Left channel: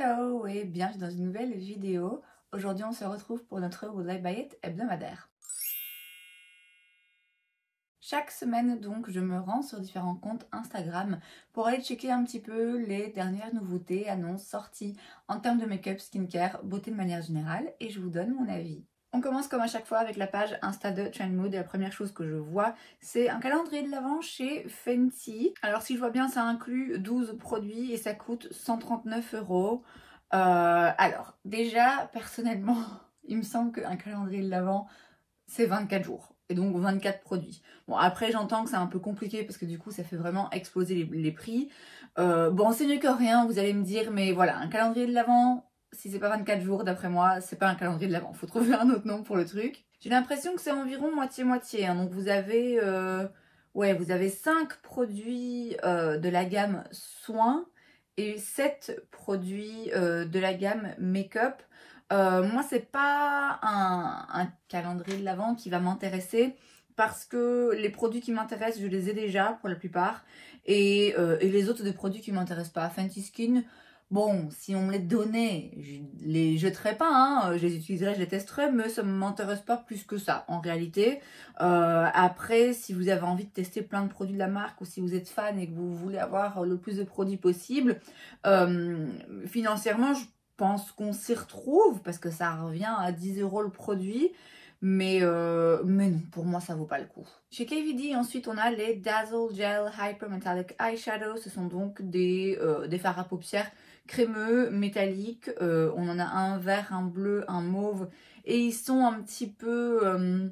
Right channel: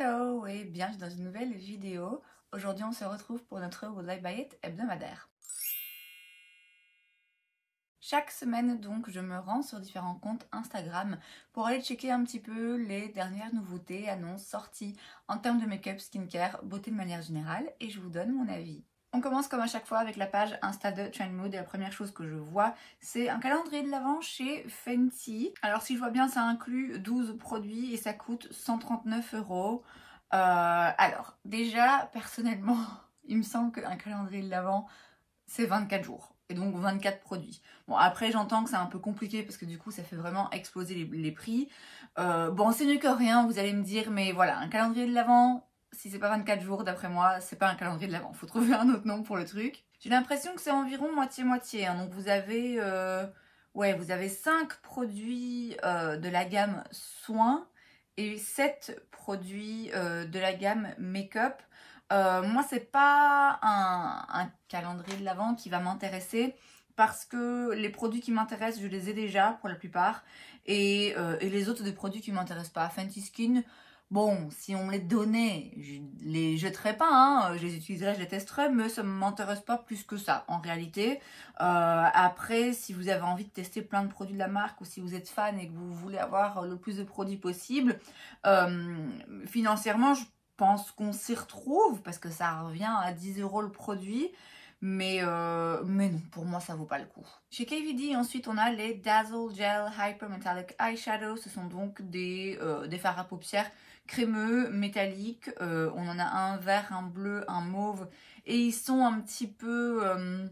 Hello et bienvenue dans une nouvelle vidéo. Aujourd'hui on se retrouve pour notre Would I Buy It hebdomadaire. Chaque semaine donc je me rends sur différents comptes Instagram pour aller checker un petit peu les dernières nouveautés, annonces, sorties en termes de make-up, skincare, beauté de manière générale et je vous donne mon avis. On commence comme à chaque fois avec la page Insta de Trendmood et la première chose que je vois c'est un calendrier de l'Avent chez Fenty. Alors si je vois bien ça inclut 12 produits et ça coûte 139 €. Alors déjà personnellement il me semble qu'un calendrier de l'Avent c'est 24 jours et donc 24 produits. Bon après j'entends que c'est un peu compliqué parce que du coup ça fait vraiment exploser les prix. Bon c'est mieux que rien vous allez me dire mais voilà un calendrier de l'Avent si c'est pas 24 jours d'après moi c'est pas un calendrier de l'Avent. Faut trouver un autre nom pour le truc. J'ai l'impression que c'est environ moitié-moitié hein. Donc vous avez, vous avez 5 produits de la gamme soins et 7 produits de la gamme make-up. Moi c'est pas un calendrier de l'Avent qui va m'intéresser parce que les produits qui m'intéressent je les ai déjà pour la plupart et les autres des produits qui m'intéressent pas. Fenty Skin, bon si on me les donnait je les jetterais pas hein. Je les utiliserais, je les testerais mais ça ne m'intéresse pas plus que ça en réalité. Après si vous avez envie de tester plein de produits de la marque ou si vous êtes fan et que vous voulez avoir le plus de produits possible, financièrement je pense qu'on s'y retrouve parce que ça revient à 10 € le produit mais non pour moi ça vaut pas le coup. Chez KVD ensuite on a les Dazzle Gel Hyper Metallic Eyeshadow. Ce sont donc des fards à paupières crémeux métalliques. On en a un vert, un bleu, un mauve et ils sont un petit peu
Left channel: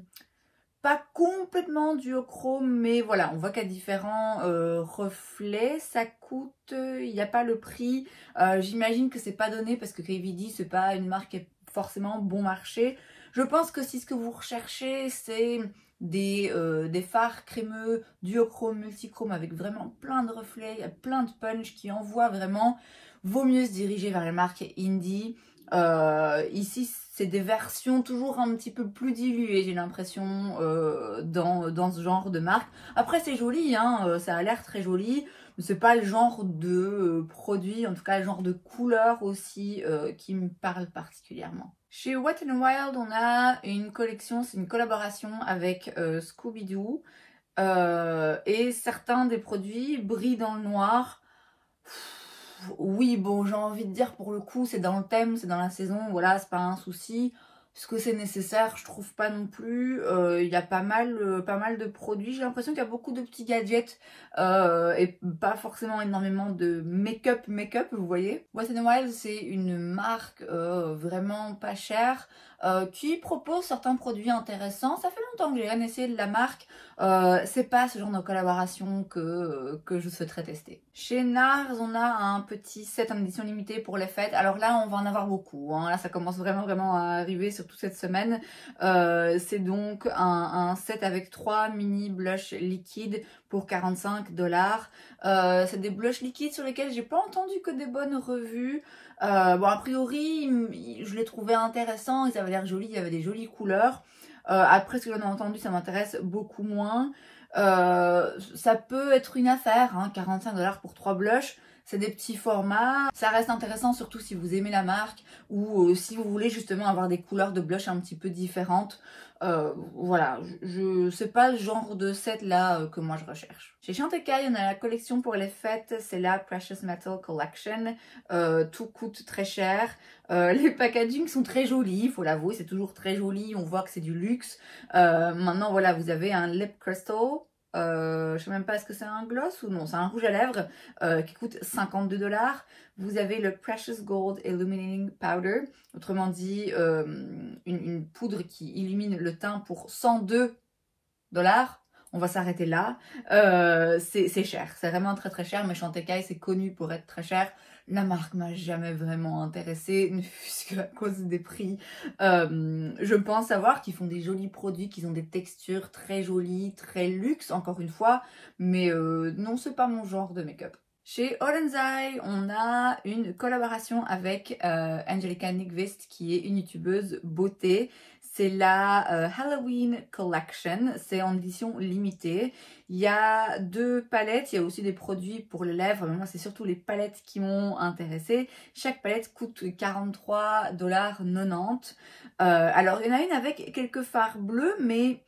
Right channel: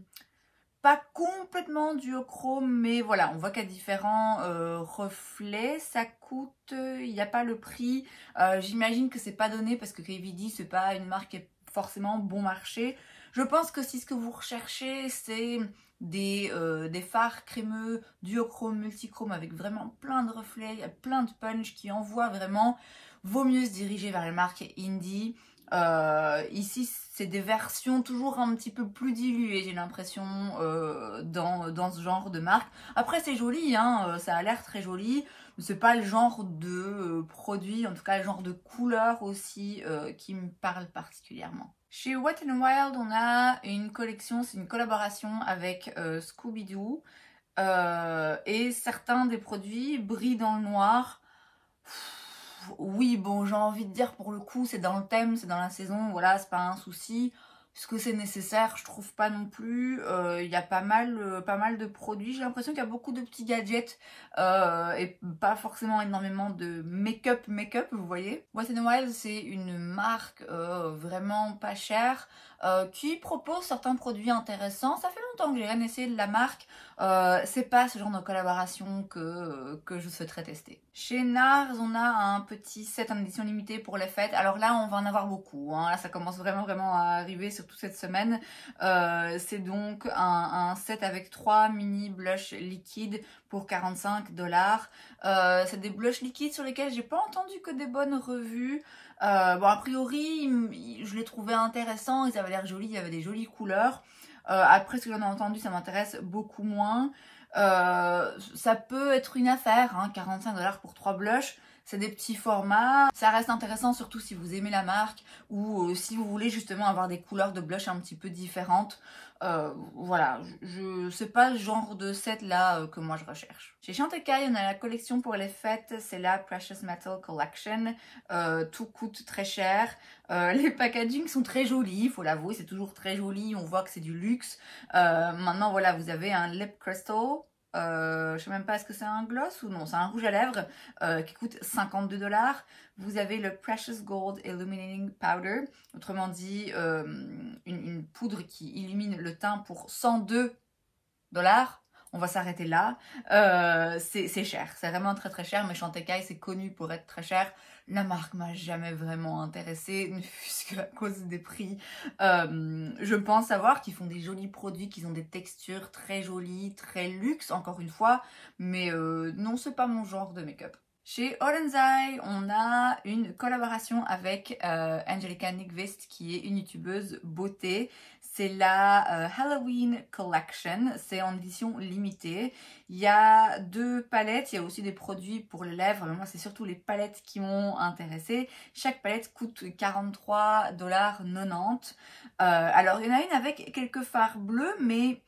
pas complètement duochrome mais voilà on voit qu'il y a différents reflets. Ça coûte, il n'y a pas le prix, j'imagine que c'est pas donné parce que KVD c'est pas une marque qui est forcément bon marché. Je pense que si ce que vous recherchez c'est des fards crémeux duochrome, multichrome avec vraiment plein de reflets, il y a plein de punch qui envoient vraiment, vaut mieux se diriger vers la marque Indie. Ici c'est des versions toujours un petit peu plus diluées j'ai l'impression dans ce genre de marque. Après c'est joli hein, ça a l'air très joli mais c'est pas le genre de produit, en tout cas le genre de couleur aussi qui me parle particulièrement. Chez Wet n Wild on a une collection, c'est une collaboration avec Scooby-Doo et certains des produits brillent dans le noir. Oui, bon, j'ai envie de dire pour le coup, c'est dans le thème, c'est dans la saison, voilà, c'est pas un souci. Est-ce que c'est nécessaire? Je trouve pas non plus. Il y a pas mal de produits. J'ai l'impression qu'il y a beaucoup de petits gadgets et pas forcément énormément de make-up, vous voyez. Wet n Wild, c'est une marque vraiment pas chère qui propose certains produits intéressants. Ça fait longtemps que j'ai rien essayé de la marque. C'est pas ce genre de collaboration que je souhaiterais tester. Chez NARS, on a un petit set en édition limitée pour les fêtes. Alors là, on va en avoir beaucoup. Hein. Là, ça commence vraiment à arriver, surtout cette semaine. C'est donc un set avec 3 mini blush liquides pour 45 $. C'est des blushs liquides sur lesquels j'ai pas entendu que des bonnes revues. Bon, a priori, je les trouvais intéressants, ils avaient l'air jolis, il y avait des jolies couleurs. Après, ce que j'en ai entendu, ça m'intéresse beaucoup moins. Ça peut être une affaire, hein, 45 $ pour 3 blushs. C'est des petits formats. Ça reste intéressant, surtout si vous aimez la marque ou si vous voulez justement avoir des couleurs de blush un petit peu différentes. Voilà, c'est pas le genre de set là que moi je recherche. Chez Chantecaille, on a la collection pour les fêtes, c'est la Precious Metal Collection. Tout coûte très cher. Les packagings sont très jolis, il faut l'avouer, c'est toujours très joli, on voit que c'est du luxe. Maintenant voilà, vous avez un lip crystal. Je sais même pas est-ce que c'est un gloss ou non, c'est un rouge à lèvres qui coûte 52 $. Vous avez le Precious Gold Illuminating Powder, autrement dit une poudre qui illumine le teint pour 102 $. On va s'arrêter là. C'est cher, c'est vraiment très cher, mais Chantecaille c'est connu pour être très cher. La marque m'a jamais vraiment intéressée, ne fût-ce qu'à cause des prix. Je pense savoir qu'ils font des jolis produits, qu'ils ont des textures très jolies, très luxe, encore une fois. Mais non, c'est pas mon genre de make-up. Chez Olendzai, on a une collaboration avec Angelica Nyqvist, qui est une youtubeuse beauté. C'est la Halloween Collection, c'est en édition limitée. Il y a 2 palettes, il y a aussi des produits pour les lèvres, mais moi c'est surtout les palettes qui m'ont intéressée. Chaque palette coûte 43,90 $. Alors il y en a une avec quelques fards bleus, mais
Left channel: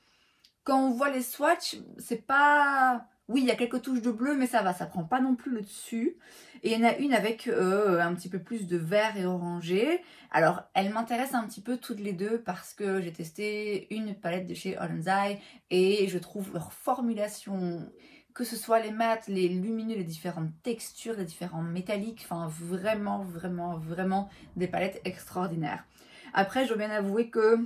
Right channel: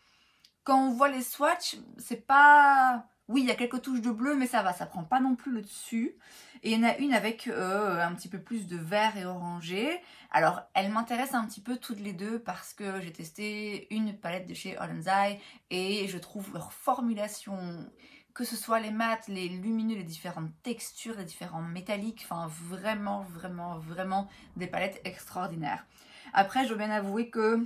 quand on voit les swatchs, c'est pas... Oui, il y a quelques touches de bleu, mais ça va, ça prend pas non plus le dessus. Et il y en a une avec un petit peu plus de vert et orangé. Alors, elles m'intéressent un petit peu toutes les deux parce que j'ai testé une palette de chez Ollenzai et je trouve leur formulation, que ce soit les mats, les lumineux, les différentes textures, les différents métalliques, enfin vraiment, vraiment, vraiment des palettes extraordinaires. Après, je dois bien avouer que...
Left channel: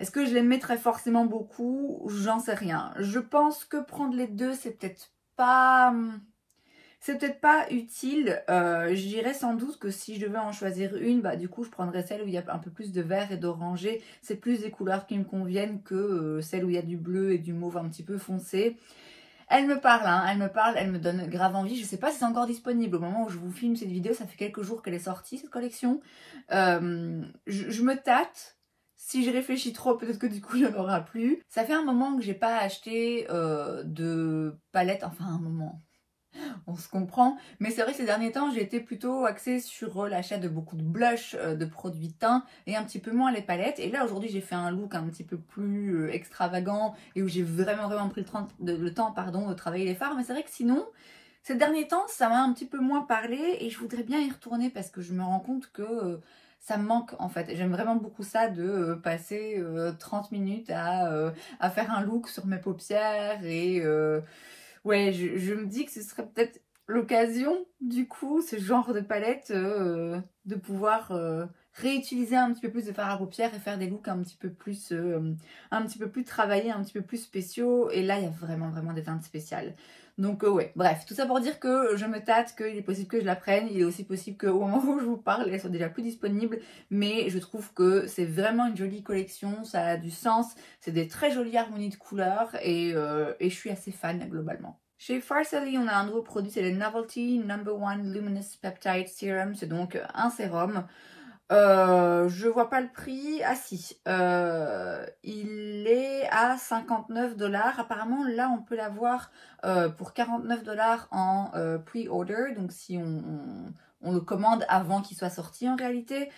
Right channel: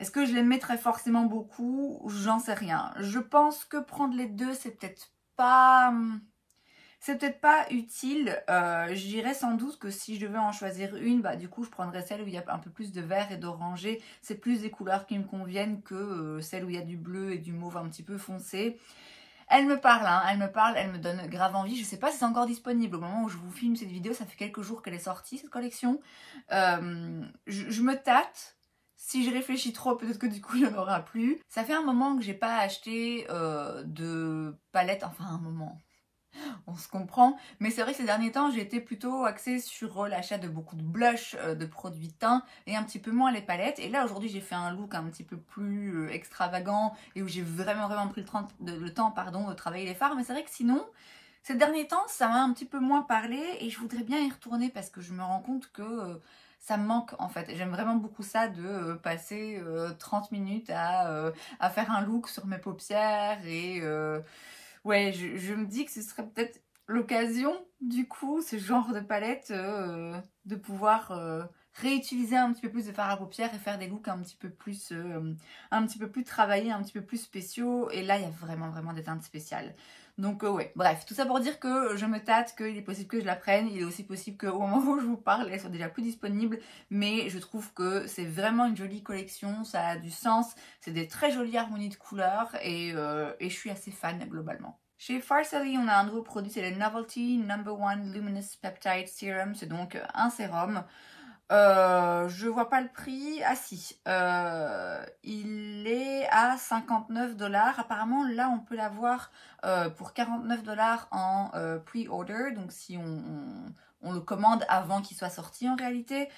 Est-ce que je les mettrais forcément beaucoup? J'en sais rien. Je pense que prendre les deux, c'est peut-être pas utile. Je dirais sans doute que si je devais en choisir une, bah du coup je prendrais celle où il y a un peu plus de vert et d'orangé. C'est plus des couleurs qui me conviennent que celle où il y a du bleu et du mauve un petit peu foncé. Elle me parle, hein, elle me donne grave envie. Je sais pas si c'est encore disponible au moment où je vous filme cette vidéo. Ça fait quelques jours qu'elle est sortie, cette collection. Je me tâte. Si je réfléchis trop, peut-être que du coup, il n'y en aura plus. Ça fait un moment que j'ai pas acheté de palette. Enfin, un moment, on se comprend. Mais c'est vrai que ces derniers temps, j'ai été plutôt axée sur l'achat de beaucoup de blush, de produits teints et un petit peu moins les palettes. Et là, aujourd'hui, j'ai fait un look un petit peu plus extravagant et où j'ai vraiment pris le temps de travailler les fards. Mais c'est vrai que sinon, ces derniers temps, ça m'a un petit peu moins parlé et je voudrais bien y retourner parce que je me rends compte que... ça me manque en fait. J'aime vraiment beaucoup ça de passer 30 minutes à faire un look sur mes paupières et ouais, je me dis que ce serait peut-être l'occasion du coup, ce genre de palette, de pouvoir réutiliser un petit peu plus de fard à paupières et faire des looks un petit peu plus travaillés, un petit peu plus spéciaux. Et là, il y a vraiment des teintes spéciales. Donc ouais, bref, tout ça pour dire que je me tâte, qu'il est possible que je la prenne. Il est aussi possible qu'au moment où je vous parle, elle soit déjà plus disponible. Mais je trouve que c'est vraiment une jolie collection, ça a du sens. C'est des très jolies harmonies de couleurs et je suis assez fan globalement. Chez Farsali, on a un nouveau produit, c'est le Novelty No.1 Luminous Peptide Serum. C'est donc un sérum. Je vois pas le prix. Ah si, il est à 59 $. Apparemment, là, on peut l'avoir pour 49 $ en pre-order. Donc, si on le commande avant qu'il soit sorti en réalité.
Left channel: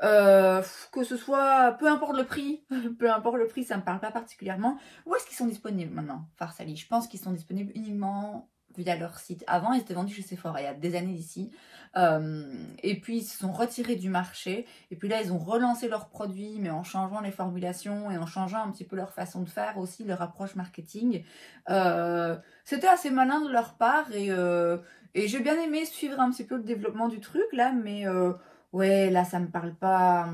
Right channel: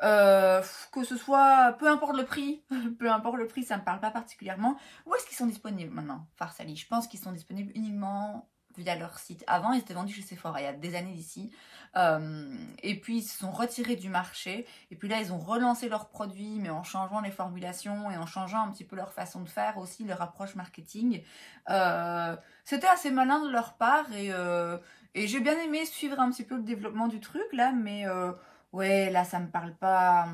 Que ce soit, peu importe le prix, ça me parle pas particulièrement. Où est-ce qu'ils sont disponibles maintenant, Farsali? Je pense qu'ils sont disponibles uniquement via leur site. Avant, ils étaient vendus chez Sephora, il y a des années d'ici. Et puis, ils se sont retirés du marché. Et puis là, ils ont relancé leurs produits, mais en changeant les formulations et en changeant un petit peu leur façon de faire aussi, leur approche marketing. C'était assez malin de leur part et j'ai bien aimé suivre un petit peu le développement du truc là, mais... ouais, là, ça me parle pas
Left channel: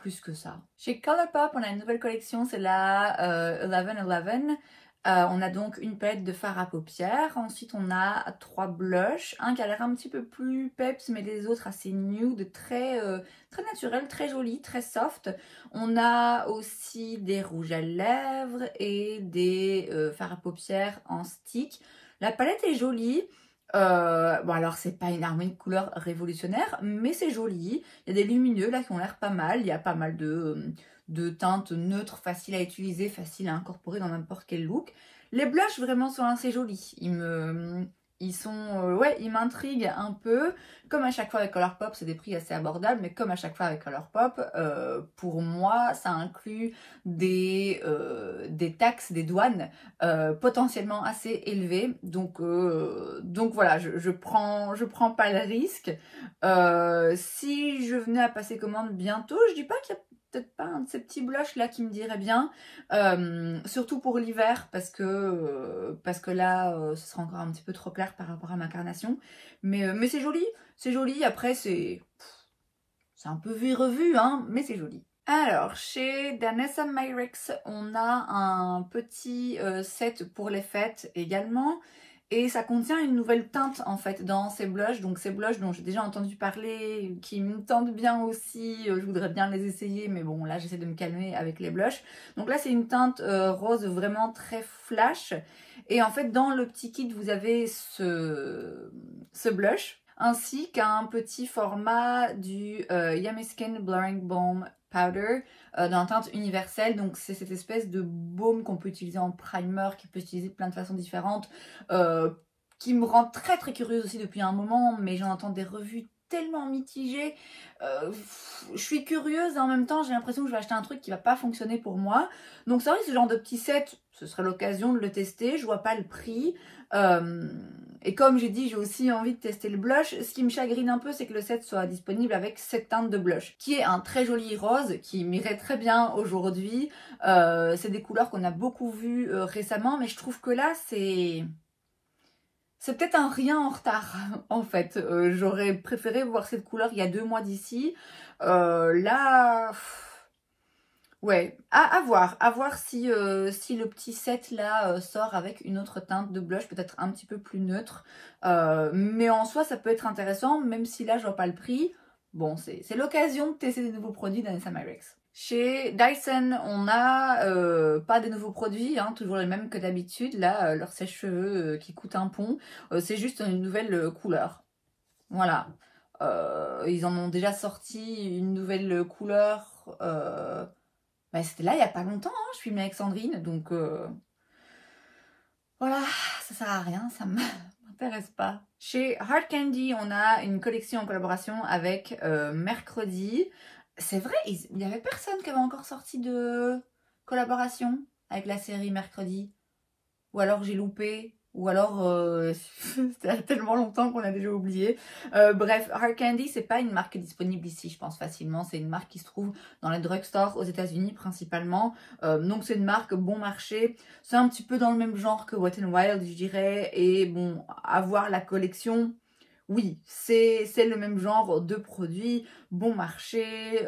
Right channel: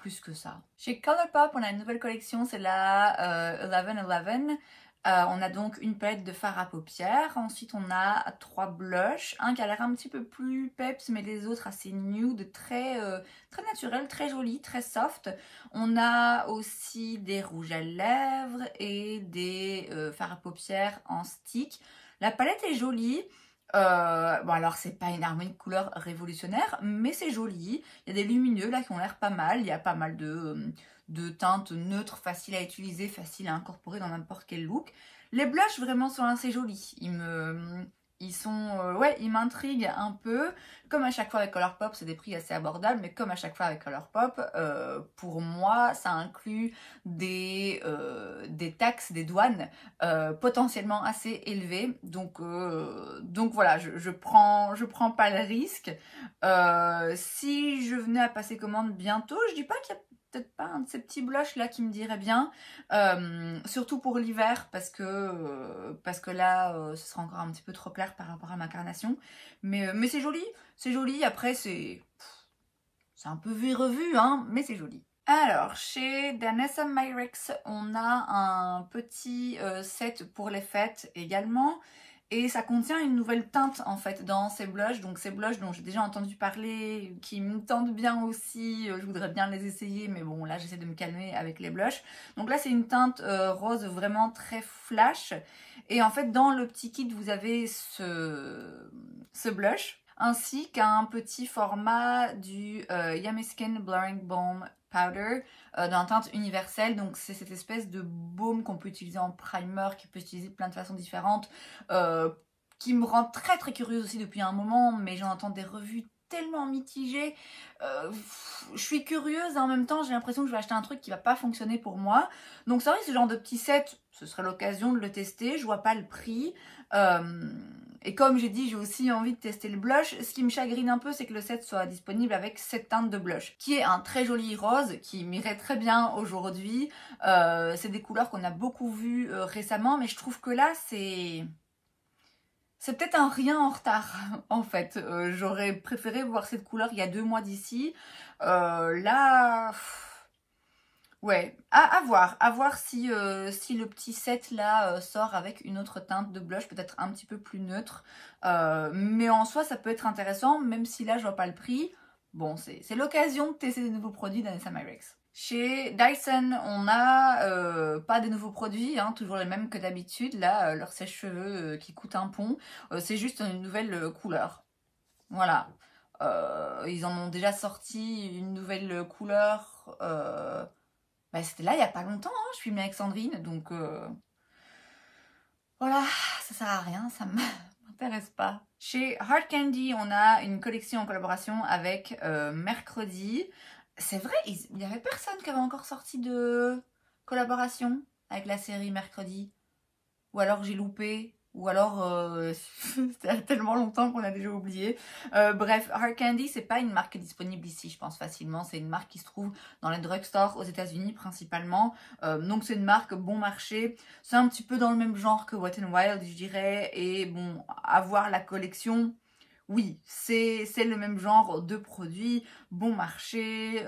plus que ça. Chez Colourpop, on a une nouvelle collection, c'est la 1111. On a donc une palette de fard à paupières. Ensuite, on a 3 blushs. Un qui a l'air un petit peu plus peps, mais les autres assez nude, très naturel, très joli, très soft. On a aussi des rouges à lèvres et des fards à paupières en stick. La palette est jolie. Bon alors c'est pas une harmonie de couleurs révolutionnaire, mais c'est joli. Il y a des lumineux là qui ont l'air pas mal. Il y a pas mal de teintes neutres, faciles à utiliser, faciles à incorporer dans n'importe quel look. Les blushs vraiment sont assez jolis. Ils m'intriguent un peu. Comme à chaque fois avec Colourpop, c'est des prix assez abordables, mais comme à chaque fois avec Colourpop, pour moi, ça inclut des taxes, des douanes potentiellement assez élevées. Donc voilà, je prends pas le risque. Si je venais à passer commande bientôt, je dis pas qu'il y a peut-être pas un de ces petits blushs là qui me dirait bien, surtout pour l'hiver parce que là ce sera encore un petit peu trop clair par rapport à ma carnation, mais c'est joli, après c'est un peu vu et revu hein, mais c'est joli. Alors chez Danessa Myricks on a un petit set pour les fêtes également. Et ça contient une nouvelle teinte en fait dans ces blushs. Donc ces blushs dont j'ai déjà entendu parler, qui me tentent bien aussi. Je voudrais bien les essayer, mais bon là j'essaie de me calmer avec les blushs. Donc là c'est une teinte rose vraiment très flash. Et en fait dans le petit kit vous avez ce blush. ainsi qu'un petit format du Yummy Skin Blurring Balm Powder dans la teinte universelle. Donc c'est cette espèce de baume qu'on peut utiliser en primer, qui peut utiliser de plein de façons différentes, qui me rend très très curieuse aussi depuis un moment, mais j'en entends des revues tellement mitigées. Je suis curieuse et en même temps j'ai l'impression que je vais acheter un truc qui va pas fonctionner pour moi. Donc c'est vrai, ce genre de petit set, ce serait l'occasion de le tester. Je vois pas le prix. Et comme j'ai dit, j'ai aussi envie de tester le blush. Ce qui me chagrine un peu, c'est que le set soit disponible avec 7 teintes de blush, qui est un très joli rose, qui m'irait très bien aujourd'hui. C'est des couleurs qu'on a beaucoup vues récemment, mais je trouve que là, c'est peut-être un rien en retard, en fait. J'aurais préféré voir cette couleur il y a 2 mois d'ici. Là... Ouais, à voir si le petit set là sort avec une autre teinte de blush, peut-être un petit peu plus neutre. Mais en soi, ça peut être intéressant, même si là, je vois pas le prix. Bon, c'est l'occasion de tester des nouveaux produits d'Anessa Myricks. Chez Dyson, on n'a pas des nouveaux produits, hein, toujours les mêmes que d'habitude. Là, leur sèche-cheveux qui coûte un pont, c'est juste une nouvelle couleur. Voilà. Ils en ont déjà sorti une nouvelle couleur... Bah, c'était là il n'y a pas longtemps, hein. Je suis avec Sandrine, donc voilà, ça sert à rien, ça ne m'intéresse pas. Chez Hard Candy, on a une collection en collaboration avec Mercredi. C'est vrai, il n'y avait personne qui avait encore sorti de collaboration avec la série Mercredi. Ou alors j'ai loupé, ou alors c'était tellement longtemps qu'on a déjà oublié. Bref, Hard Candy, c'est pas une marque disponible ici, je pense facilement. C'est une marque qui se trouve dans les drugstores aux États-Unis principalement. Donc c'est une marque bon marché. C'est un petit peu dans le même genre que Wet n Wild, je dirais. Et bon, avoir la collection, oui, c'est le même genre de produits, bon marché.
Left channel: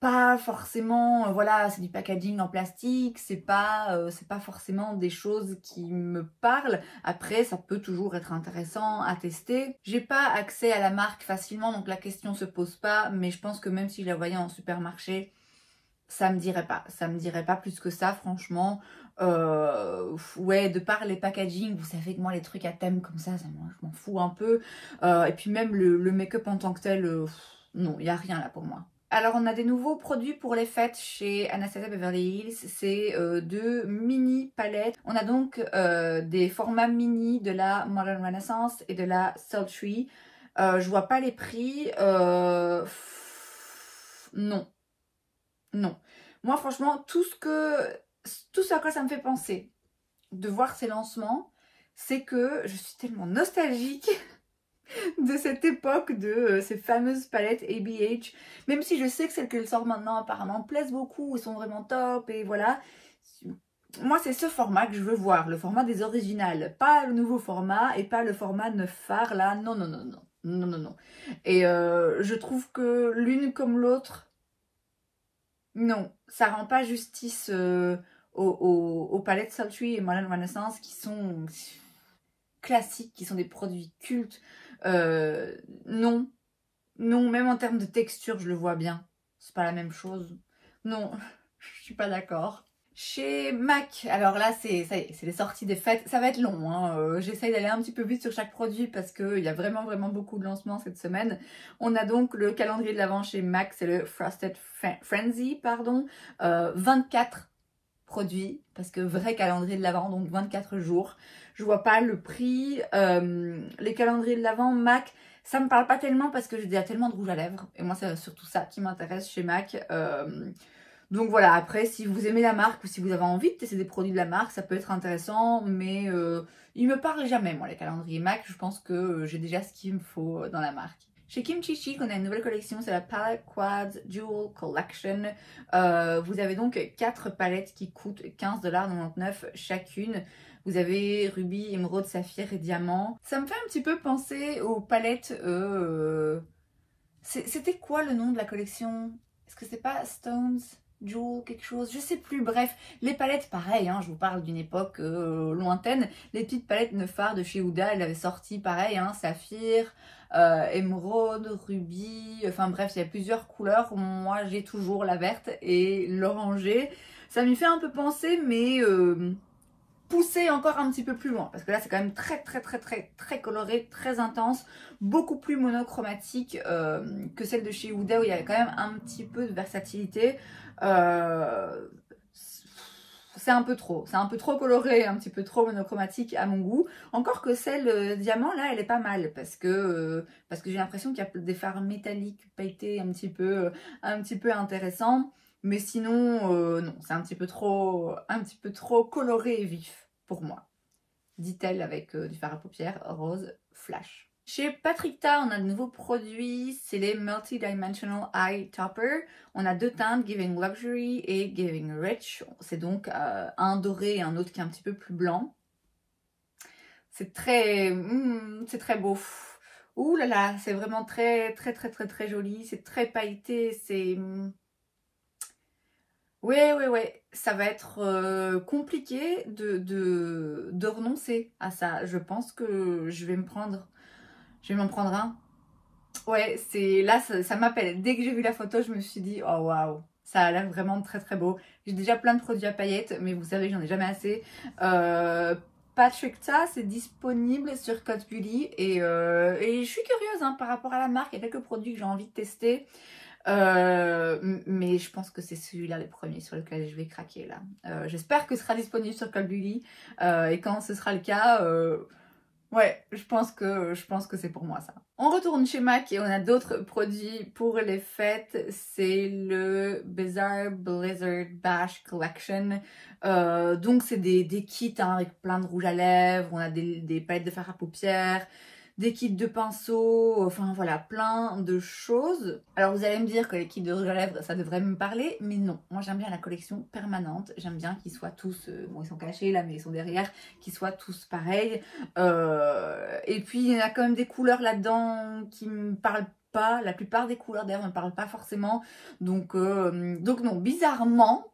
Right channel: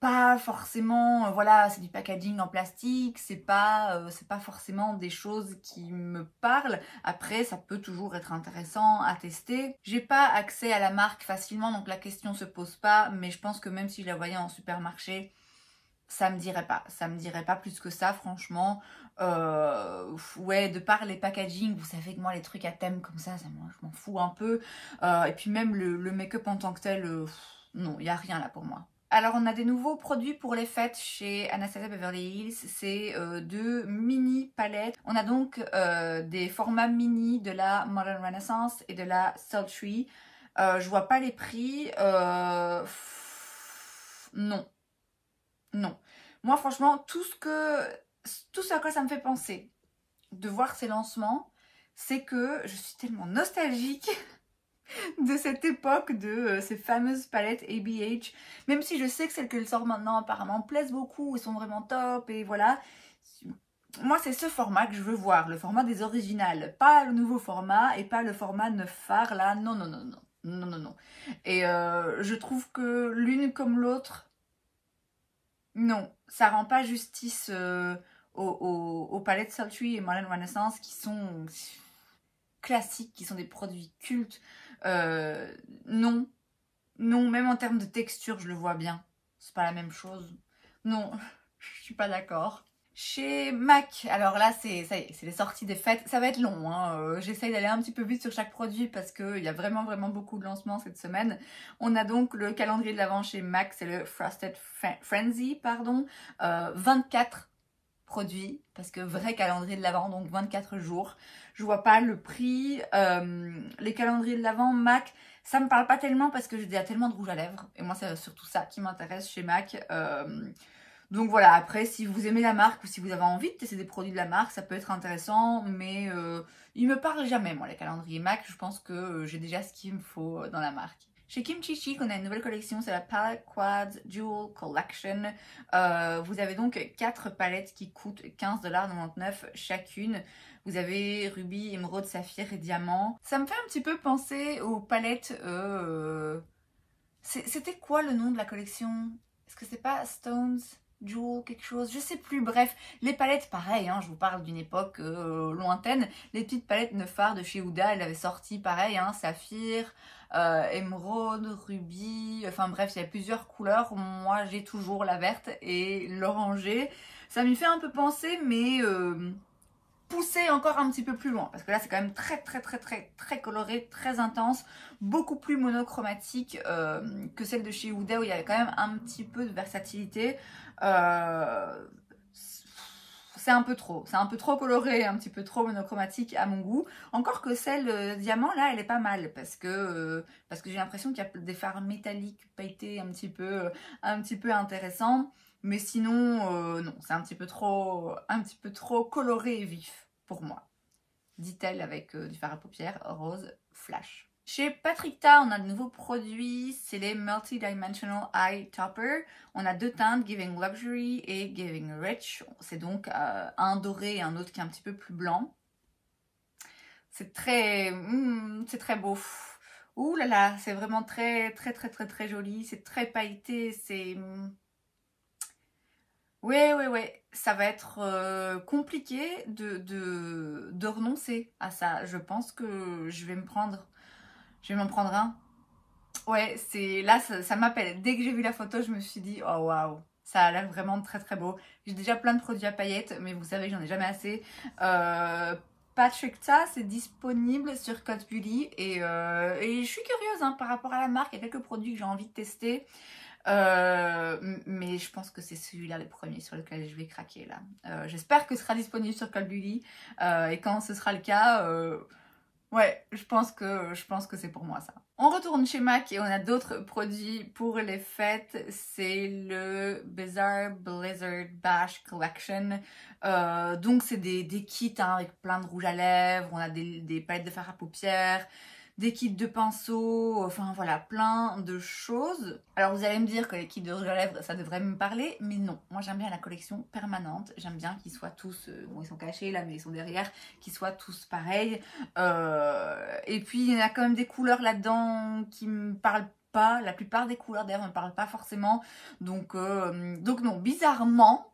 Pas forcément, voilà, c'est du packaging en plastique, c'est pas forcément des choses qui me parlent. Après, ça peut toujours être intéressant à tester. J'ai pas accès à la marque facilement, donc la question se pose pas, mais je pense que même si je la voyais en supermarché, ça me dirait pas. Ça me dirait pas plus que ça, franchement. Ouais, de par les packaging, vous savez que moi, les trucs à thème comme ça moi, je m'en fous un peu. Et puis même le make-up en tant que tel, non, il n'y a rien là pour moi. Alors, on a des nouveaux produits pour les fêtes chez Anastasia Beverly Hills. C'est 2 mini palettes. On a donc des formats mini de la Modern Renaissance et de la Sultry. Je vois pas les prix. Non. Non. Moi, franchement, tout ce à quoi ça me fait penser de voir ces lancements, c'est que je suis tellement nostalgique de cette époque, de ces fameuses palettes ABH, même si je sais que celles qu'elles sortent maintenant apparemment plaisent beaucoup, ils sont vraiment top et voilà. Moi c'est ce format que je veux voir, le format des originales, pas le nouveau format et pas le format neuf phare là, non non non non non non non. Et je trouve que l'une comme l'autre, non, ça rend pas justice aux palettes Sultry et Modern Renaissance qui sont classiques, qui sont des produits cultes. Non, non, même en termes de texture, je le vois bien. C'est pas la même chose. Non, je suis pas d'accord. Chez MAC, alors là, c'est les sorties des fêtes. Ça va être long, hein. J'essaye d'aller un petit peu vite sur chaque produit parce qu'il y a vraiment, vraiment beaucoup de lancements cette semaine. On a donc le calendrier de l'Avent chez MAC, c'est le Frosted Frenzy, pardon. 24 produits, parce que vrai calendrier de l'Avent, donc 24 jours. Je vois pas le prix. Les calendriers de l'Avent, MAC, ça me parle pas tellement parce que j'ai déjà tellement de rouge à lèvres. Et moi, c'est surtout ça qui m'intéresse chez MAC. Donc voilà, après, si vous aimez la marque ou si vous avez envie de tester des produits de la marque, ça peut être intéressant. Mais ils me parlent jamais, moi, les calendriers MAC. Je pense que j'ai déjà ce qu'il me faut dans la marque. Chez Kimchi Chic, on a une nouvelle collection, c'est la Palette Quads Jewel Collection. Vous avez donc 4 palettes qui coûtent 15,99$ chacune. Vous avez rubis, émeraude, saphir et diamant. Ça me fait un petit peu penser aux palettes... C'était quoi le nom de la collection? Est-ce que c'est pas Stones, Jewel, quelque chose? Je sais plus. Bref, les palettes, pareil, hein, je vous parle d'une époque lointaine. Les petites palettes neuf phares de chez Huda, elles avaient sorti pareil, hein, saphir, émeraude, rubis, enfin bref, il y a plusieurs couleurs. Moi, j'ai toujours la verte et l'orangée. Ça m'y fait un peu penser, mais... pousser encore un petit peu plus loin. Parce que là, c'est quand même très coloré, très intense. Beaucoup plus monochromatique que celle de chez Huda où il y a quand même un petit peu de versatilité. C'est un peu trop coloré, un petit peu trop monochromatique à mon goût. Encore que celle diamant là, elle est pas mal parce que j'ai l'impression qu'il y a des fards métalliques pailletés un petit peu intéressants. Mais sinon, non, c'est un petit peu trop coloré et vif pour moi. Dit-elle avec du fard à paupières rose flash. Chez Patrickta, on a de nouveaux produits, c'est les Multi-Dimensional Eye Topper. On a 2 teintes, Giving Luxury et Giving Rich. C'est donc un doré et un autre qui est un petit peu plus blanc. C'est très beau. Ouh là là, c'est vraiment très joli. C'est très pailleté, c'est... Ouais, ça va être compliqué de renoncer à ça. Je pense que je vais m'en prendre un. Ouais, là, ça m'appelle. Dès que j'ai vu la photo, je me suis dit, oh waouh, ça a l'air vraiment très beau. J'ai déjà plein de produits à paillettes, mais vous savez, j'en ai jamais assez. Patrickta, c'est disponible sur Code Beauty et je suis curieuse hein, par rapport à la marque. Il y a quelques produits que j'ai envie de tester. Mais je pense que c'est celui-là les premiers sur lesquels je vais craquer là. J'espère que ce sera disponible sur Code Beauty et quand ce sera le cas, ouais, je pense que c'est pour moi ça. On retourne chez MAC et on a d'autres produits pour les fêtes. C'est le Bizarre Blizzard Bash Collection. Donc c'est des kits hein, avec plein de rouge à lèvres. On a des palettes de fard à paupières, des kits de pinceaux, enfin voilà, plein de choses. Alors vous allez me dire que les kits de rouge à lèvres, ça devrait me parler, mais non. Moi j'aime bien la collection permanente, j'aime bien qu'ils soient tous, bon ils sont cachés là, mais ils sont derrière, qu'ils soient tous pareils. Et puis il y en a quand même des couleurs là-dedans qui me parlent pas, la plupart des couleurs d'ailleurs ne me parlent pas forcément. Donc non, bizarrement,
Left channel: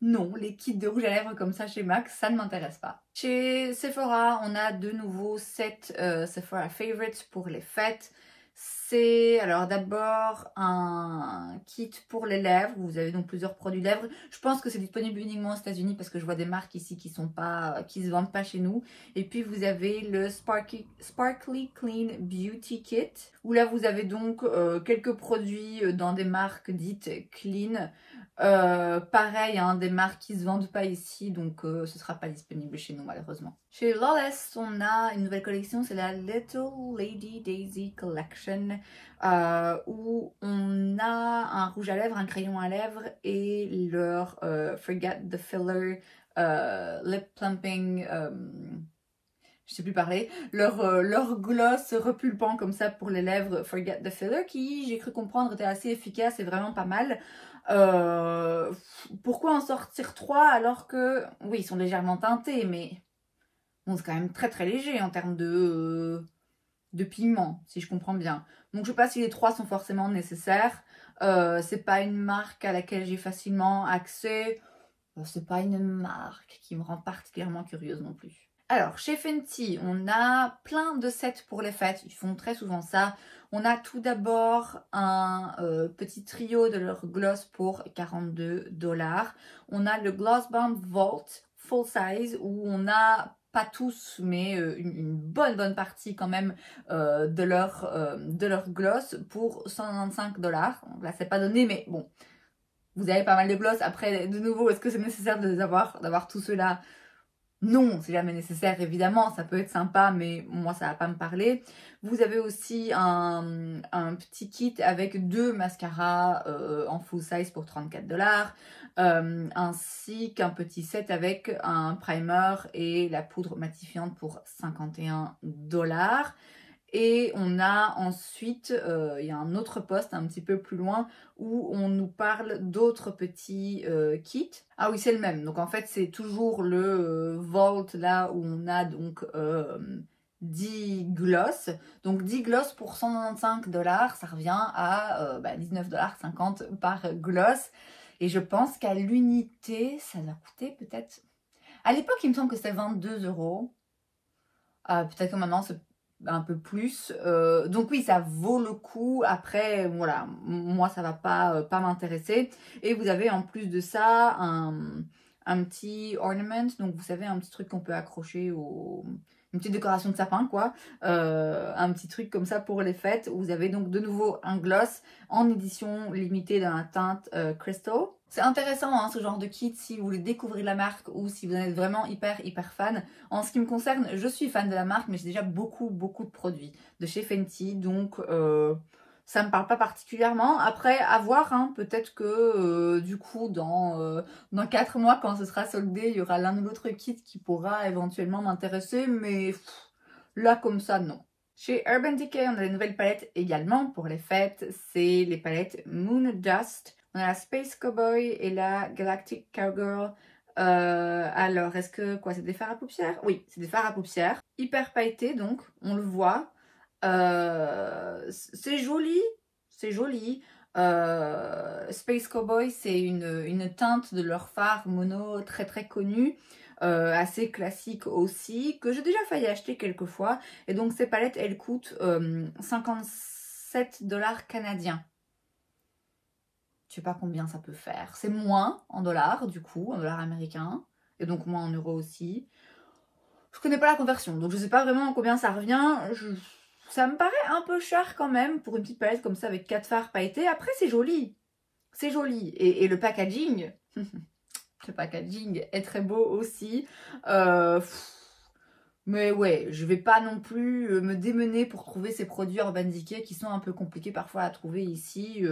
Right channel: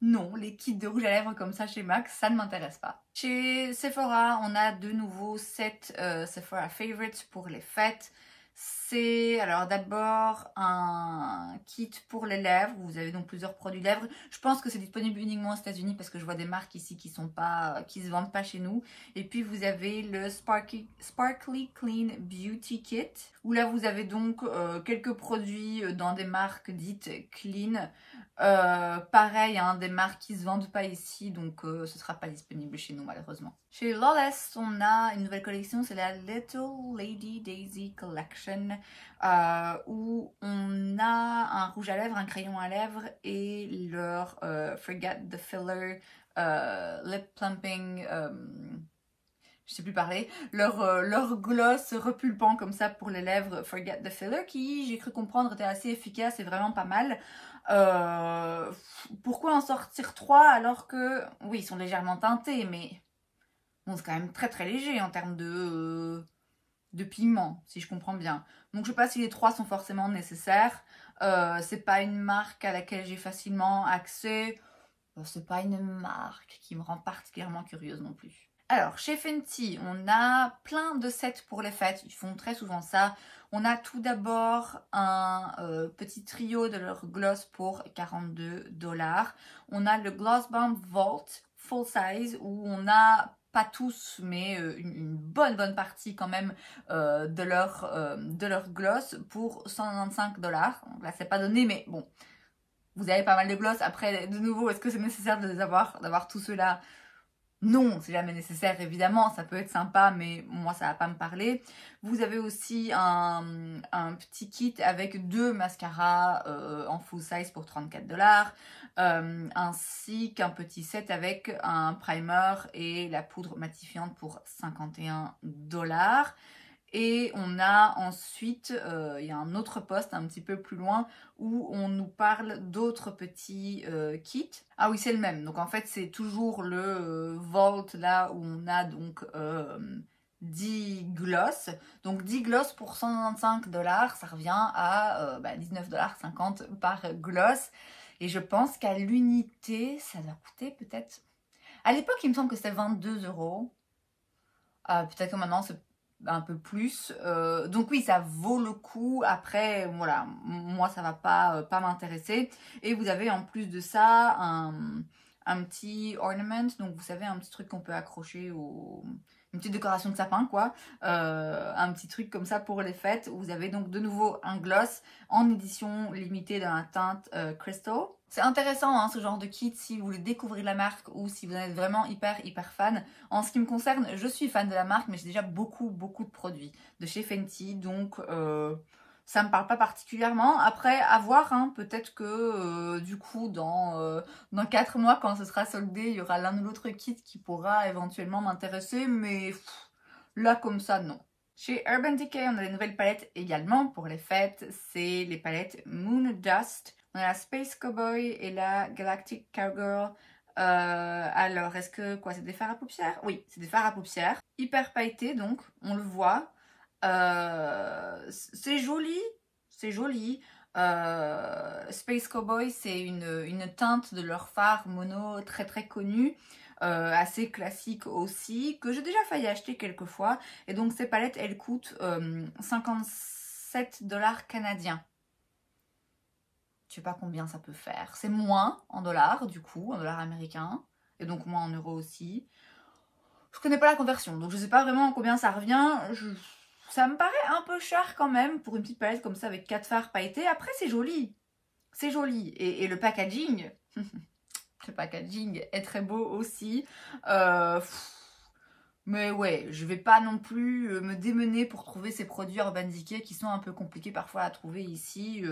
non, les kits de rouge à lèvres comme ça chez MAC, ça ne m'intéresse pas. Chez Sephora, on a de nouveau 7 Sephora Favorites pour les fêtes. C'est alors d'abord un kit pour les lèvres. Vous avez donc plusieurs produits lèvres. Je pense que c'est disponible uniquement aux États-Unis parce que je vois des marques ici qui se vendent pas chez nous. Et puis vous avez le Sparkly Clean Beauty Kit où là vous avez donc quelques produits dans des marques dites clean. Pareil, hein, des marques qui se vendent pas ici, donc ce sera pas disponible chez nous malheureusement. Chez Lawless, on a une nouvelle collection, c'est la Little Lady Daisy Collection, où on a un rouge à lèvres, un crayon à lèvres et leur Forget the Filler Lip Plumping, je sais plus parler, leur gloss repulpant comme ça pour les lèvres Forget the Filler qui, j'ai cru comprendre, était assez efficace et vraiment pas mal. Pourquoi en sortir 3 alors que, oui, ils sont légèrement teintés, mais bon, c'est quand même très léger en termes de pigment, si je comprends bien. Donc je sais pas si les 3 sont forcément nécessaires. C'est pas une marque à laquelle j'ai facilement accès. C'est pas une marque qui me rend particulièrement curieuse non plus. Alors, chez Fenty, on a plein de sets pour les fêtes. Ils font très souvent ça. On a tout d'abord un petit trio de leur gloss pour 42 $. On a le Gloss Bomb Vault Full Size où on a, pas tous, mais une bonne partie quand même de leur gloss pour 195 $. Donc là, c'est pas donné, mais bon, vous avez pas mal de gloss. Après, de nouveau, est-ce que c'est nécessaire d'avoir tout cela ? Non, c'est jamais nécessaire, évidemment, ça peut être sympa, mais moi, ça va pas me parler. Vous avez aussi un petit kit avec 2 mascaras en full size pour 34 $, ainsi qu'un petit set avec un primer et la poudre matifiante pour 51 $. Et on a ensuite, il y a un autre post un petit peu plus loin où on nous parle d'autres petits kits. Ah oui, c'est le même. Donc en fait, c'est toujours le Vault là où on a donc 10 gloss. Donc 10 gloss pour 195 $, ça revient à 19,50 $ par gloss. Et je pense qu'à l'unité, ça doit coûter peut-être... À l'époque, il me semble que c'était 22 €. Peut-être que maintenant, c'est un peu plus, donc oui, ça vaut le coup. Après voilà, moi ça va pas m'intéresser. Et vous avez en plus de ça un petit ornament, donc vous savez, un petit truc qu'on peut accrocher au... Une petite décoration de sapin, quoi. Un petit truc comme ça pour les fêtes. Vous avez donc de nouveau un gloss en édition limitée dans la teinte Crystal. C'est intéressant, hein, ce genre de kit, si vous voulez découvrir la marque ou si vous en êtes vraiment hyper fan. En ce qui me concerne, je suis fan de la marque, mais j'ai déjà beaucoup de produits de chez Fenty. Donc, ça me parle pas particulièrement. Après, à voir, hein, peut-être que du coup, dans 4 mois, quand ce sera soldé, il y aura l'un ou l'autre kit qui pourra éventuellement m'intéresser. Mais là, comme ça, non. Chez Urban Decay, on a des nouvelles palettes également pour les fêtes. C'est les palettes Moon Dust. On a la Space Cowboy et la Galactic Cowgirl. Alors, est-ce que quoi, c'est des fards à paupières? Oui, c'est des fards à paupières. Hyper pailletés, donc, on le voit. C'est joli, c'est joli. Space Cowboy, c'est une teinte de leur phare mono très connue, assez classique aussi, que j'ai déjà failli acheter quelques fois. Et donc ces palettes, elles coûtent 57 $ canadiens. Je sais pas combien ça peut faire. C'est moins en dollars, du coup, en dollars américains, et donc moins en euros aussi. Je connais pas la conversion, donc je sais pas vraiment combien ça revient. Ça me paraît un peu cher quand même pour une petite palette comme ça avec 4 fards pailletés. Après, c'est joli. C'est joli. Et le packaging, le packaging est très beau aussi. Mais ouais, je vais pas non plus me démener pour trouver ces produits Urban Decay qui sont un peu compliqués parfois à trouver ici.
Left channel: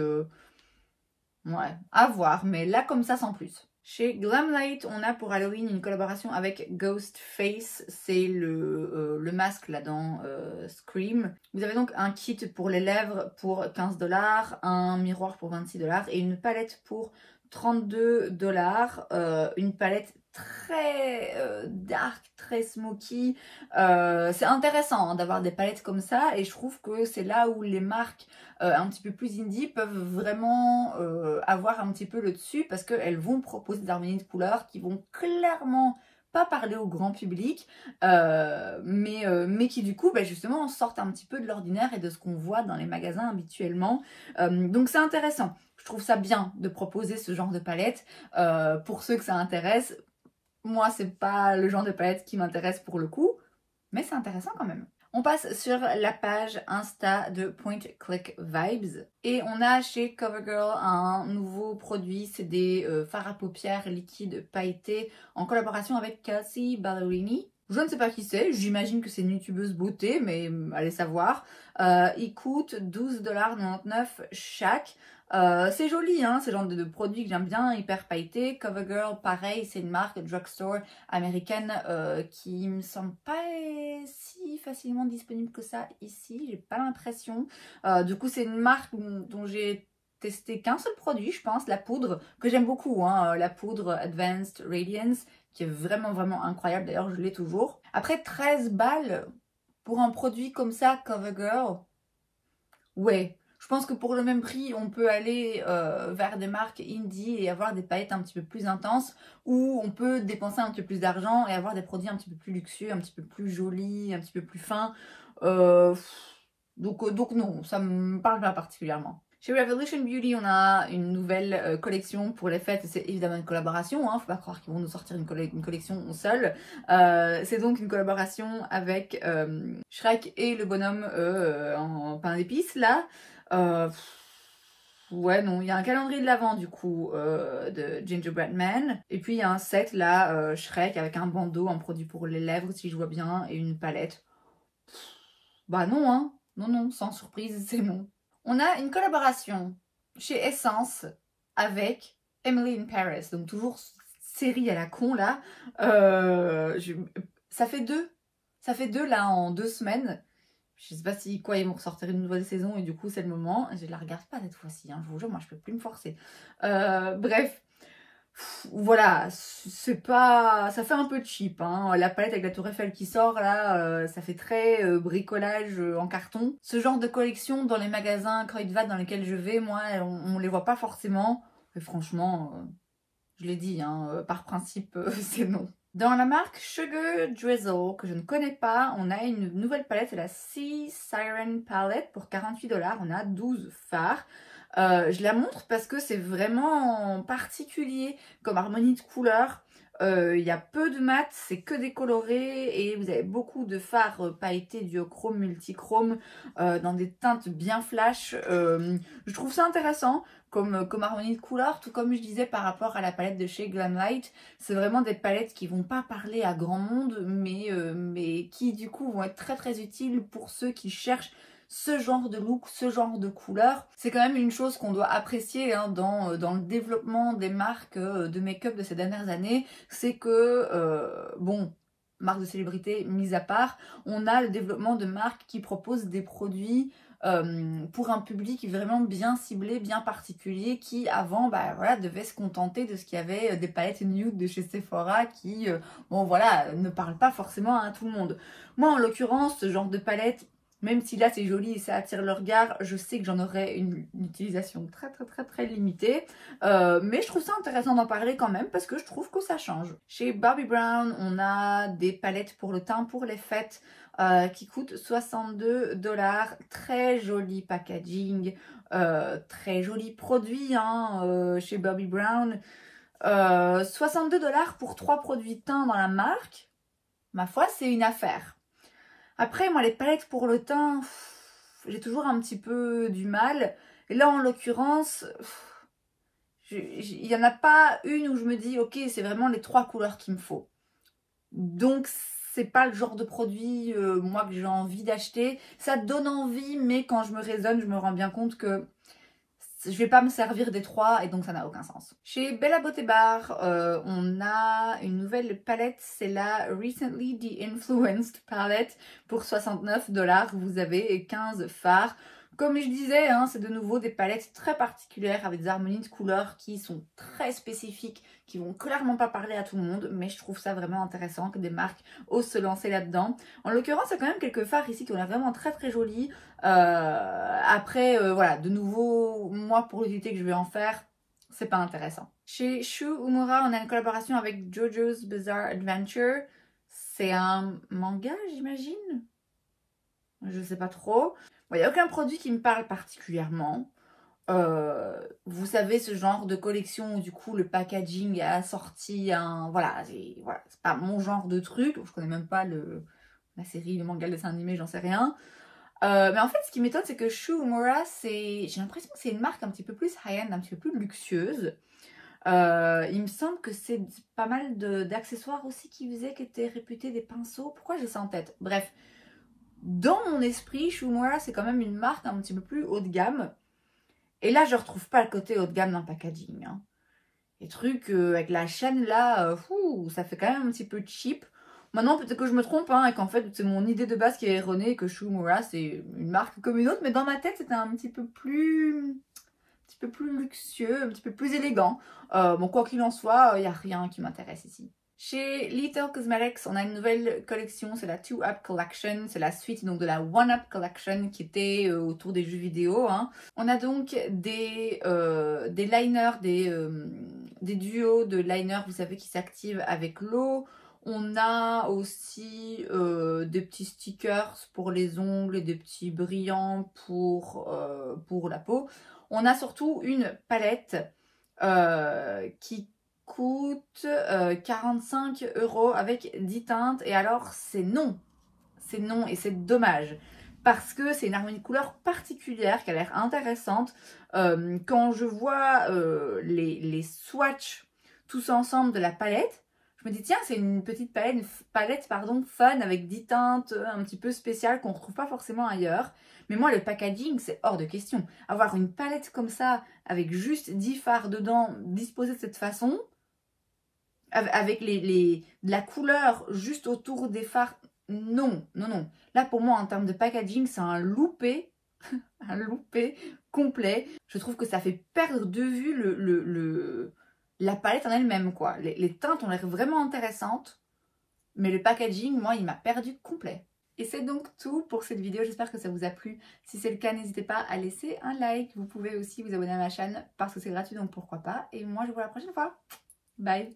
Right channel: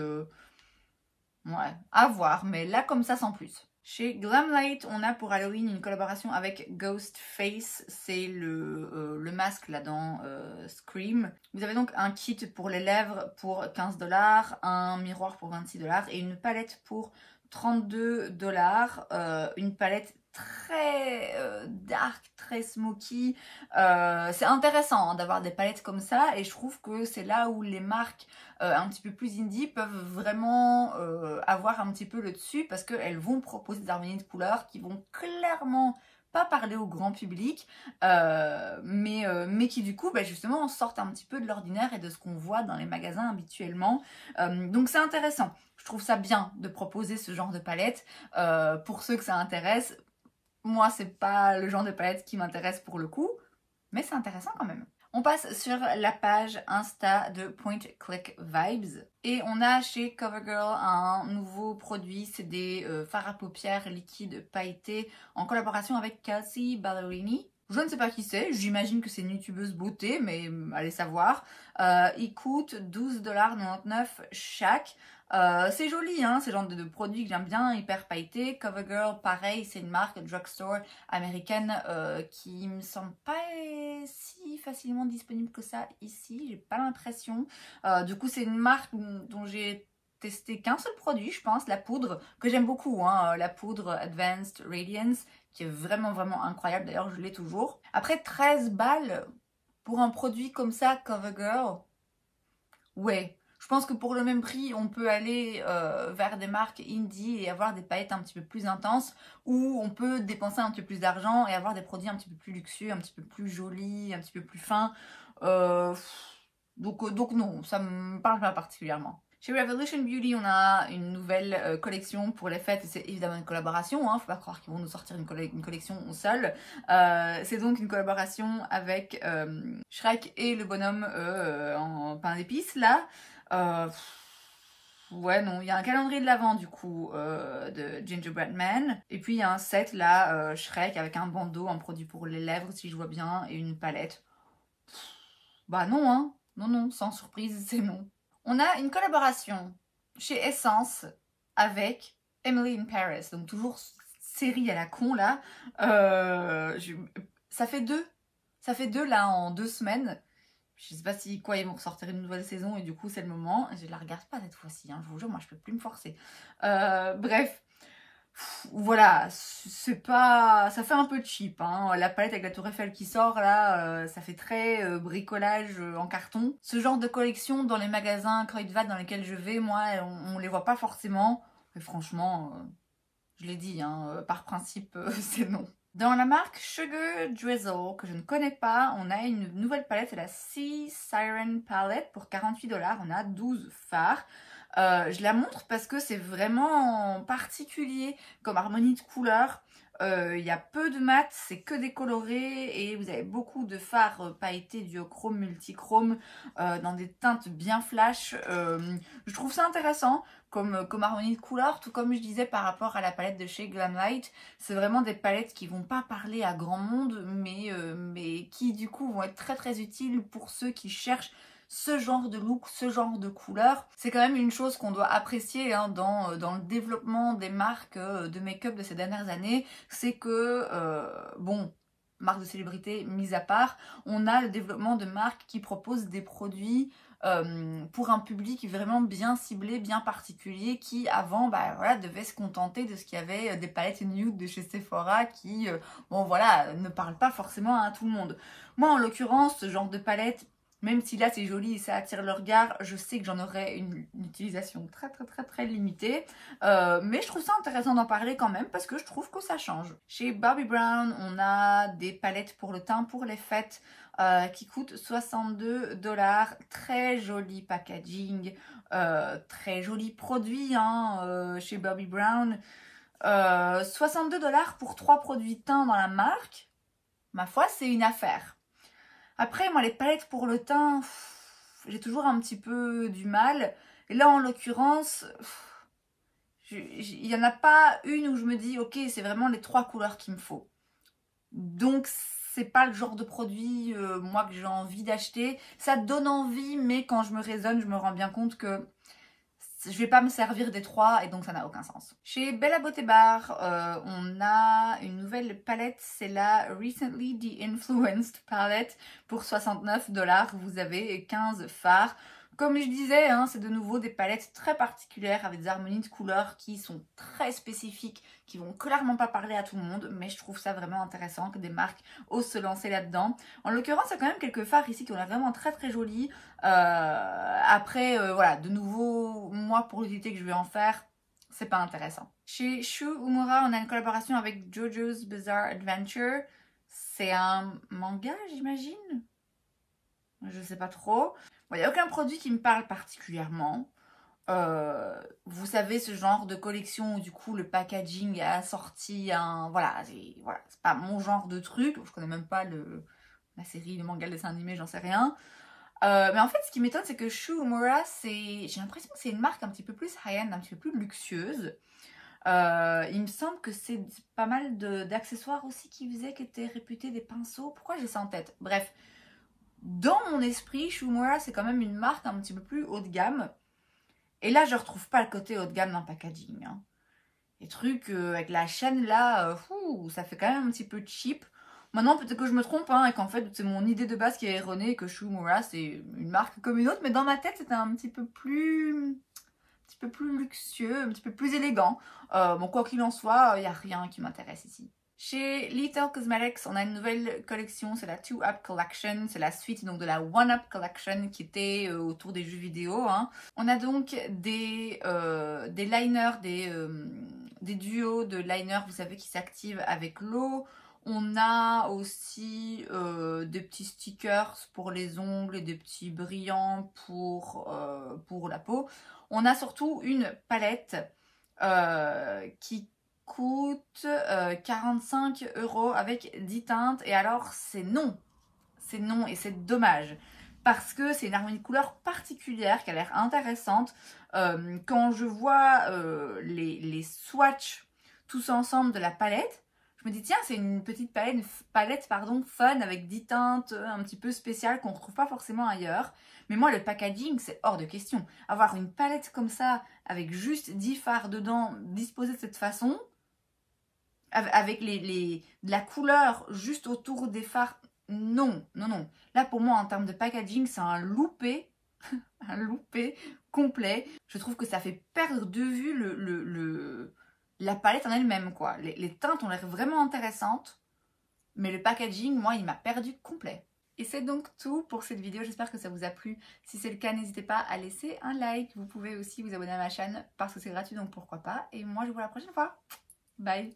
Ouais, à voir. Mais là, comme ça, sans plus. Chez Glamlight, on a pour Halloween une collaboration avec Ghostface. C'est le masque là dans Scream. Vous avez donc un kit pour les lèvres pour 15 $, un miroir pour 26 $ et une palette pour 32 $. Une palette très dark, très smoky. C'est intéressant hein, d'avoir des palettes comme ça et je trouve que c'est là où les marques un petit peu plus indie peuvent vraiment avoir un petit peu le dessus parce qu'elles vont proposer des harmonies de couleurs qui vont clairement pas parler au grand public mais qui du coup justement sortent un petit peu de l'ordinaire et de ce qu'on voit dans les magasins habituellement. Donc c'est intéressant. Je trouve ça bien de proposer ce genre de palette pour ceux que ça intéresse. Moi, c'est pas le genre de palette qui m'intéresse pour le coup, mais c'est intéressant quand même. On passe sur la page Insta de Point Click Vibes et on a chez CoverGirl un nouveau produit, c'est des fards à paupières liquides pailletés en collaboration avec Kelsey Ballerini. Je ne sais pas qui c'est, j'imagine que c'est une youtubeuse beauté, mais allez savoir. Ils coûtent 12,99 $ chaque. C'est joli, hein, ce genre de produit que j'aime bien, hyper pailleté. CoverGirl, pareil, c'est une marque drugstore américaine qui me semble pas si facilement disponible que ça ici, j'ai pas l'impression. Du coup, c'est une marque dont j'ai testé qu'un seul produit, je pense, la poudre, que j'aime beaucoup, hein, la poudre Advanced Radiance, qui est vraiment incroyable, d'ailleurs je l'ai toujours. Après 13 balles pour un produit comme ça, CoverGirl, ouais. Je pense que pour le même prix, on peut aller vers des marques indie et avoir des paillettes un petit peu plus intenses ou on peut dépenser un petit peu plus d'argent et avoir des produits un petit peu plus luxueux, un petit peu plus jolis, un petit peu plus fins. Donc non, ça me parle pas particulièrement. Chez Revolution Beauty, on a une nouvelle collection pour les fêtes. C'est évidemment une collaboration, hein, faut pas croire qu'ils vont nous sortir une collection seule. C'est donc une collaboration avec Shrek et le bonhomme en pain d'épices là. Ouais, non, il y a un calendrier de l'Avent du coup de Gingerbread Man. Et puis il y a un set là, Shrek avec un bandeau, un produit pour les lèvres si je vois bien, et une palette. Bah non, hein. Non, sans surprise, c'est non. On a une collaboration chez Essence avec Emily in Paris. Donc toujours série à la con là. Ça fait deux là en 2 semaines. Je sais pas si quoi ils vont ressortir une nouvelle saison et du coup c'est le moment. Je la regarde pas cette fois-ci, hein, je vous jure, moi je peux plus me forcer. Bref, voilà, c'est pas, ça fait un peu cheap, hein. La palette avec la tour Eiffel qui sort là, ça fait très bricolage en carton. Ce genre de collection dans les magasins Kruidvat dans lesquels je vais, moi, on les voit pas forcément. Et franchement, je l'ai dit, hein, par principe, c'est non. Dans la marque Sugar Drizzle, que je ne connais pas, on a une nouvelle palette, c'est la Sea Siren Palette pour 48 $. On a 12 fards. Je la montre parce que c'est vraiment particulier comme harmonie de couleurs. il y a peu de mat, c'est que des colorés et vous avez beaucoup de fards pailletés duochrome, multichrome dans des teintes bien flash. Je trouve ça intéressant comme harmonie de couleurs, tout comme je disais par rapport à la palette de chez Glamlight. C'est vraiment des palettes qui vont pas parler à grand monde, mais qui du coup vont être très très utiles pour ceux qui cherchent ce genre de look, ce genre de couleur. C'est quand même une chose qu'on doit apprécier hein, dans le développement des marques de make-up de ces dernières années. C'est que, bon, marques de célébrité mises à part, on a le développement de marques qui proposent des produits pour un public vraiment bien ciblé, bien particulier, qui avant bah, voilà, devait se contenter de ce qu'il y avait des palettes nude de chez Sephora qui, bon voilà, ne parlent pas forcément à tout le monde. Moi en l'occurrence, ce genre de palette, même si là c'est joli et ça attire le regard, je sais que j'en aurai une utilisation très limitée. Mais je trouve ça intéressant d'en parler quand même parce que je trouve que ça change. Chez Bobbi Brown, on a des palettes pour le teint pour les fêtes qui coûtent 62 $. Très joli packaging, très joli produit hein, chez Bobbi Brown. 62 $ pour 3 produits teints dans la marque, ma foi c'est une affaire. Après, moi, les palettes pour le teint, j'ai toujours un petit peu du mal. Et là, en l'occurrence, il n'y en a pas une où je me dis, ok, c'est vraiment les 3 couleurs qu'il me faut. Donc, c'est pas le genre de produit, moi, que j'ai envie d'acheter. Ça donne envie, mais quand je me raisonne, je me rends bien compte que je vais pas me servir des 3 et donc ça n'a aucun sens. Chez Bella Beauté Bar, on a une nouvelle palette, c'est la Recently De-Influenced palette pour 69 $. Vous avez 15 fards. Comme je disais, hein, c'est de nouveau des palettes très particulières avec des harmonies de couleurs qui sont très spécifiques, qui vont clairement pas parler à tout le monde, mais je trouve ça vraiment intéressant que des marques osent se lancer là-dedans. En l'occurrence, il y a quand même quelques fards ici qui ont l'air vraiment très jolis. Après, voilà, de nouveau, moi pour l'utilité que je vais en faire, c'est pas intéressant. Chez Shu Uemura, on a une collaboration avec JoJo's Bizarre Adventure. C'est un manga, j'imagine. Je sais pas trop. Il n'y a aucun produit qui me parle particulièrement. Vous savez, ce genre de collection où du coup le packaging est assorti à un... Voilà, c'est pas mon genre de truc. Je connais même pas la série, le manga, le dessin animé, j'en sais rien. Mais en fait, ce qui m'étonne, c'est que Shu Uemura, j'ai l'impression que c'est une marque un petit peu plus high-end, un petit peu plus luxueuse. Il me semble que c'est pas mal d'accessoires aussi qui faisaient, qui étaient réputés des pinceaux. Pourquoi j'ai ça en tête? Bref. Dans mon esprit, Shu Uemura, c'est quand même une marque un petit peu plus haut de gamme. Et là, je retrouve pas le côté haut de gamme d'un packaging. Hein. Les trucs avec la chaîne là, ça fait quand même un petit peu cheap. Maintenant, peut-être que je me trompe hein, et qu'en fait, c'est mon idée de base qui est erronée et que Shu Uemura, c'est une marque comme une autre. Mais dans ma tête, c'était un petit peu plus luxueux, un petit peu plus élégant. Bon, quoi qu'il en soit, il n'y a rien qui m'intéresse ici. Chez Little Cosmetics, on a une nouvelle collection, c'est la 2UP Collection, c'est la suite donc de la 1UP Collection qui était autour des jeux vidéo. Hein. On a donc des liners, des duos de liners, vous savez, qui s'activent avec l'eau. On a aussi des petits stickers pour les ongles et des petits brillants pour la peau. On a surtout une palette qui coûte 45 € avec 10 teintes. Et alors, c'est non et c'est dommage. Parce que c'est une harmonie de couleurs particulière qui a l'air intéressante. Quand je vois les swatchs tous ensemble de la palette, je me dis tiens, c'est une petite palette fun avec 10 teintes un petit peu spéciales qu'on ne retrouve pas forcément ailleurs. Mais moi, le packaging, c'est hors de question. Avoir une palette comme ça, avec juste 10 fards dedans, disposés de cette façon, avec la couleur juste autour des fards, non. Là, pour moi, en termes de packaging, c'est un loupé, un loupé complet. Je trouve que ça fait perdre de vue la palette en elle-même, quoi. Les teintes ont l'air vraiment intéressantes, mais le packaging, moi, il m'a perdu complet. Et c'est donc tout pour cette vidéo, j'espère que ça vous a plu. Si c'est le cas, n'hésitez pas à laisser un like. Vous pouvez aussi vous abonner à ma chaîne parce que c'est gratuit, donc pourquoi pas. Et moi, je vous vois la prochaine fois. Bye!